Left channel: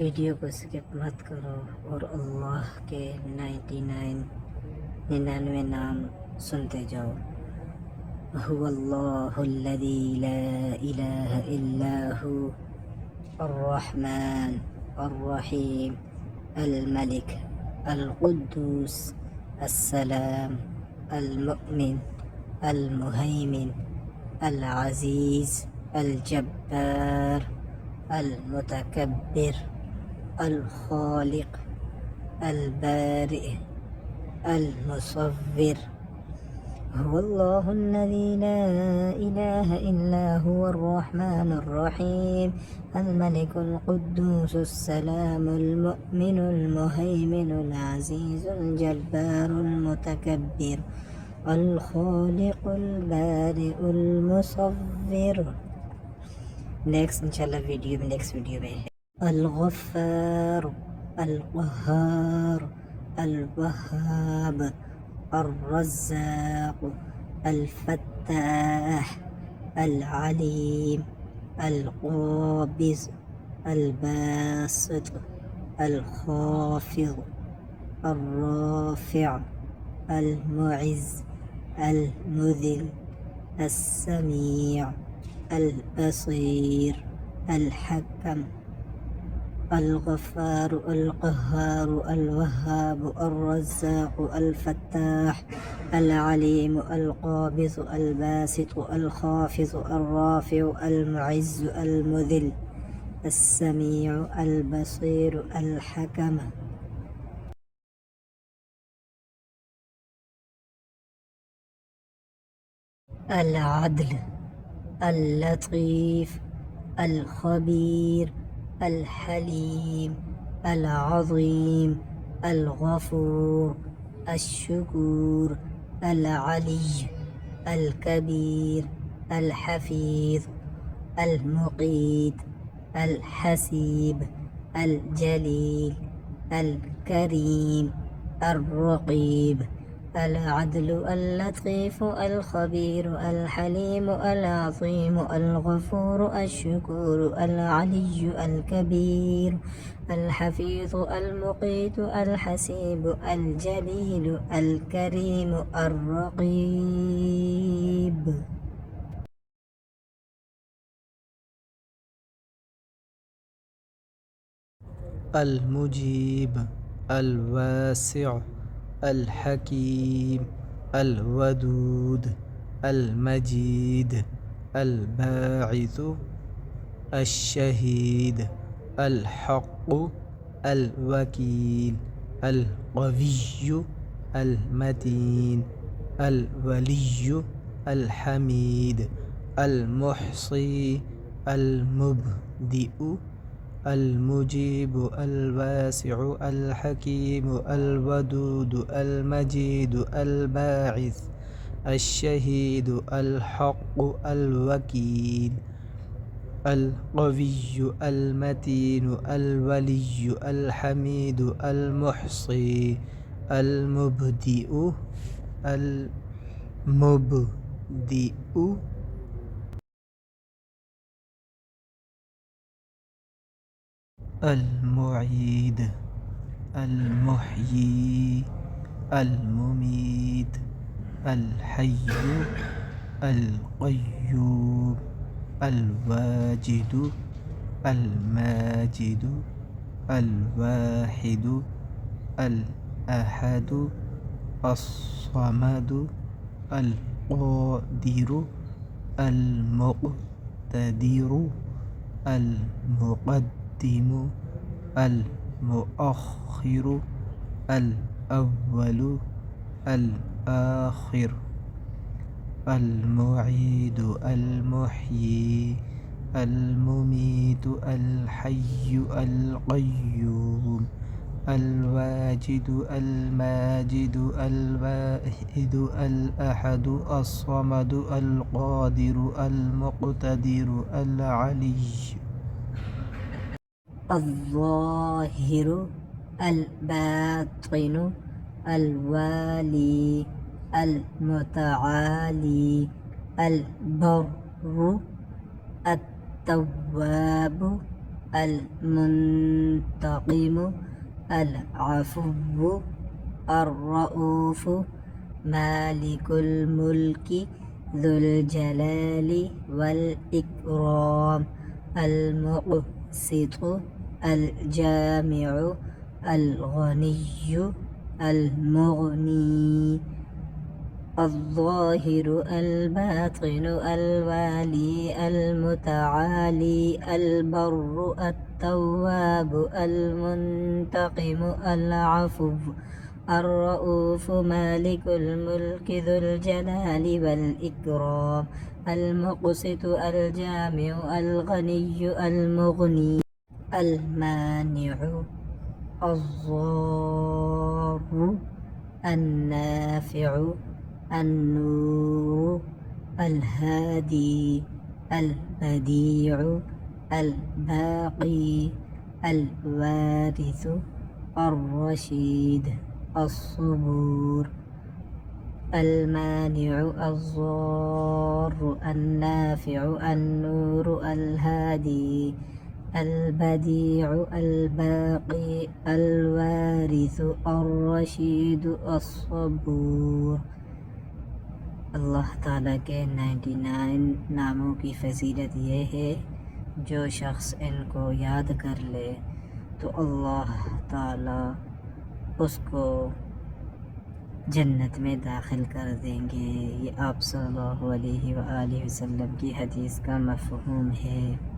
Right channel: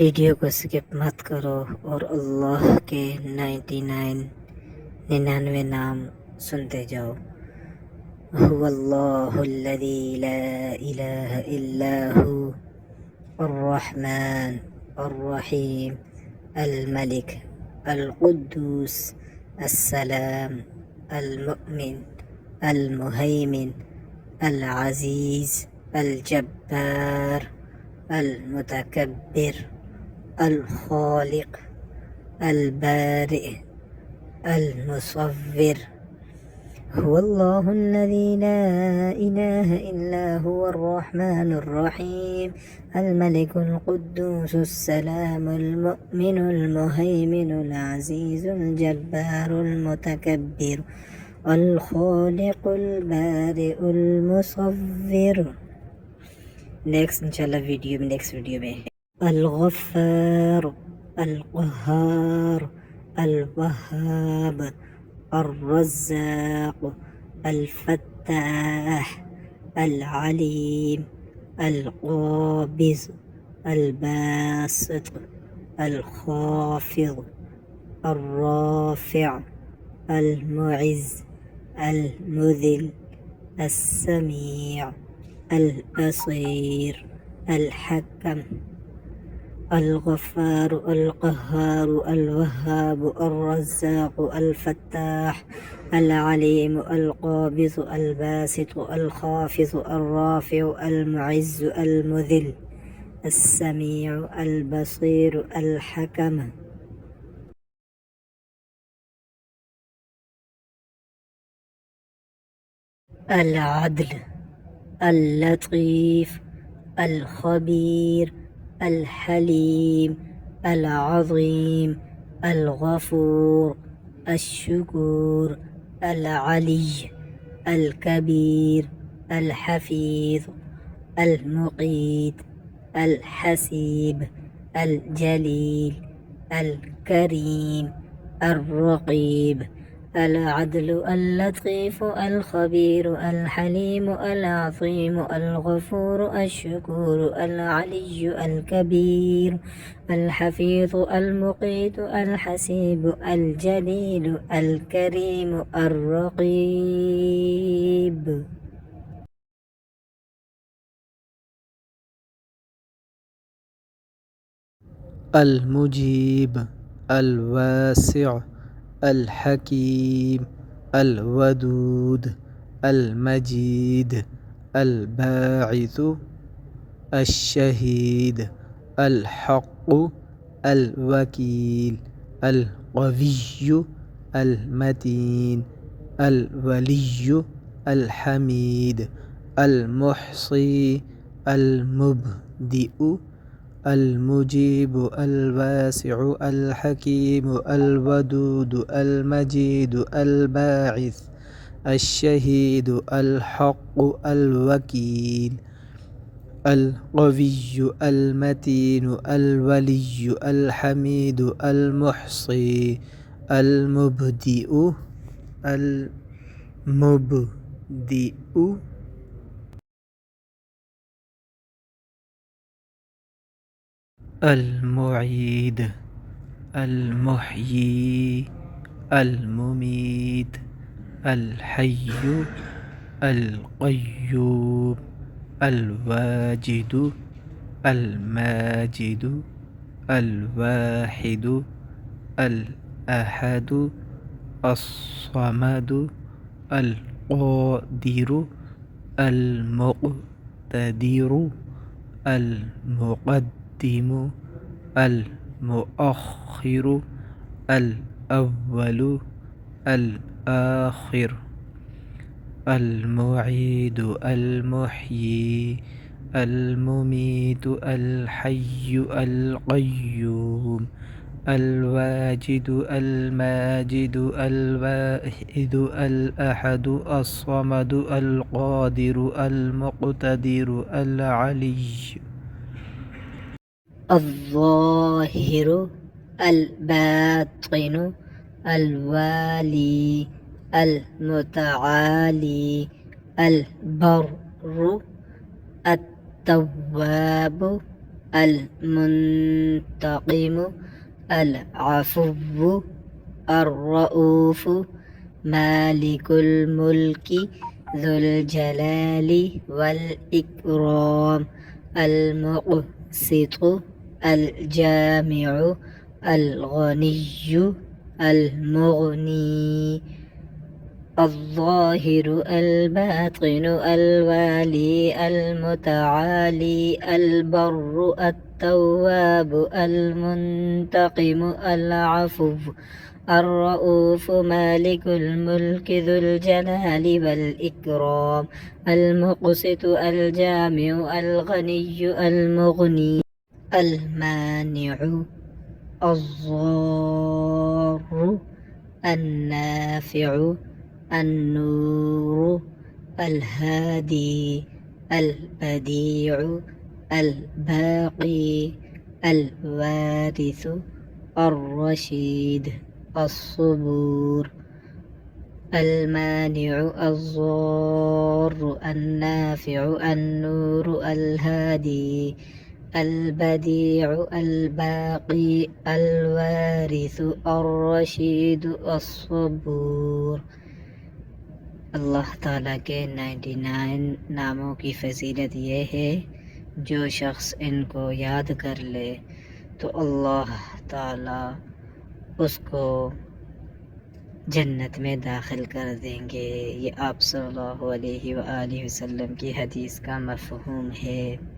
वीडियो को स्किप मत करो और अल्लाह के 99 नाम सुनते जाओ। हुवल्लाहुल्लज़ी ला इलाहा इल्ला हु अर्रहमान अर्रहीम अल-मलिक अल-कुद्दूस अस्सलाम अल-मुअमिन अल-मुहैमिन अल-अज़ीज़ अल-जब्बार अल-मुतकब्बिर الخالق البارئ المصور هو الله الذي لا إله إلا هو الرحمن الرحيم الملك القدوس السلام المؤمن المهيمن العزيز الجبار المتكبر الخالق البارئ المصور. नेक्स्ट इंशाल्लाह नेक्स्ट वीडियो में الغفار القهار الوهاب الرزاق الفتاح العليم القابض الباسط الخافض الرافع المعز المذل السميع البصير الحكم الغفار القهار الوهاب الرزاق الفتاح العليم القابض الباسط الخافض الرافع المعز المذل السميع البصير الحكم. العدل اللطيف الخبير الحليم العظيم الغفور الشكور العلي الكبير الحفيظ المقيت الحسيب الجليل الكريم الرقيب العدل اللطيف الخبير الحليم العظيم الغفور الشكور العلي الكبير الحفيظ المقيت الحسيب الجليل الكريم الرقيب. المجيب الواسع الحكيم الودود المجيد الباعث الشهيد الحق الوكيل القوي المتين الولي الحميد المحصي المبدئ المجيب الواسع الحكيم الودود المجيد الباعث الشهيد الحق الوكيل القوي المتين الولي الحميد المحصي المبدئ المعيد المحيي المميت الحي القيوم الواجد الماجد الواحد الأحد الصمد القادر المقتدر المقدم المؤخر الأول الآخر المعيد المحيي المميت الحي القيوم الواجد الماجد الواحد الأحد الصمد القادر المقتدر العلي. الظاهر الباطن الوالي المتعالي البر التواب المنتقم العفو الرؤوف مالك الملك ذو الجلال والإكرام المقسط الجامع الغني المغني الظاهر الباطن الوالي المتعالي البر التواب المنتقم العفو الرؤوف مالك الملك ذو الجلال والإكرام المقسط الجامع الغني المغني المانع الضار النافع النور الهادي البديع الباقي الوارث الرشيد الصبور المانع الضار النافع النور الهادي البديع الباقي الوارث الرشيد الصبور। अल्लाह ताला के 99 नामों की फजीलत ये है, जो शख्स इनको याद कर ले तो अल्लाह ताला उसको जन्नत में दाखिल कर देंगे। ये आप सल्लल्लाहु अलैहि वसल्लम की हदीस का मफ़हूम है।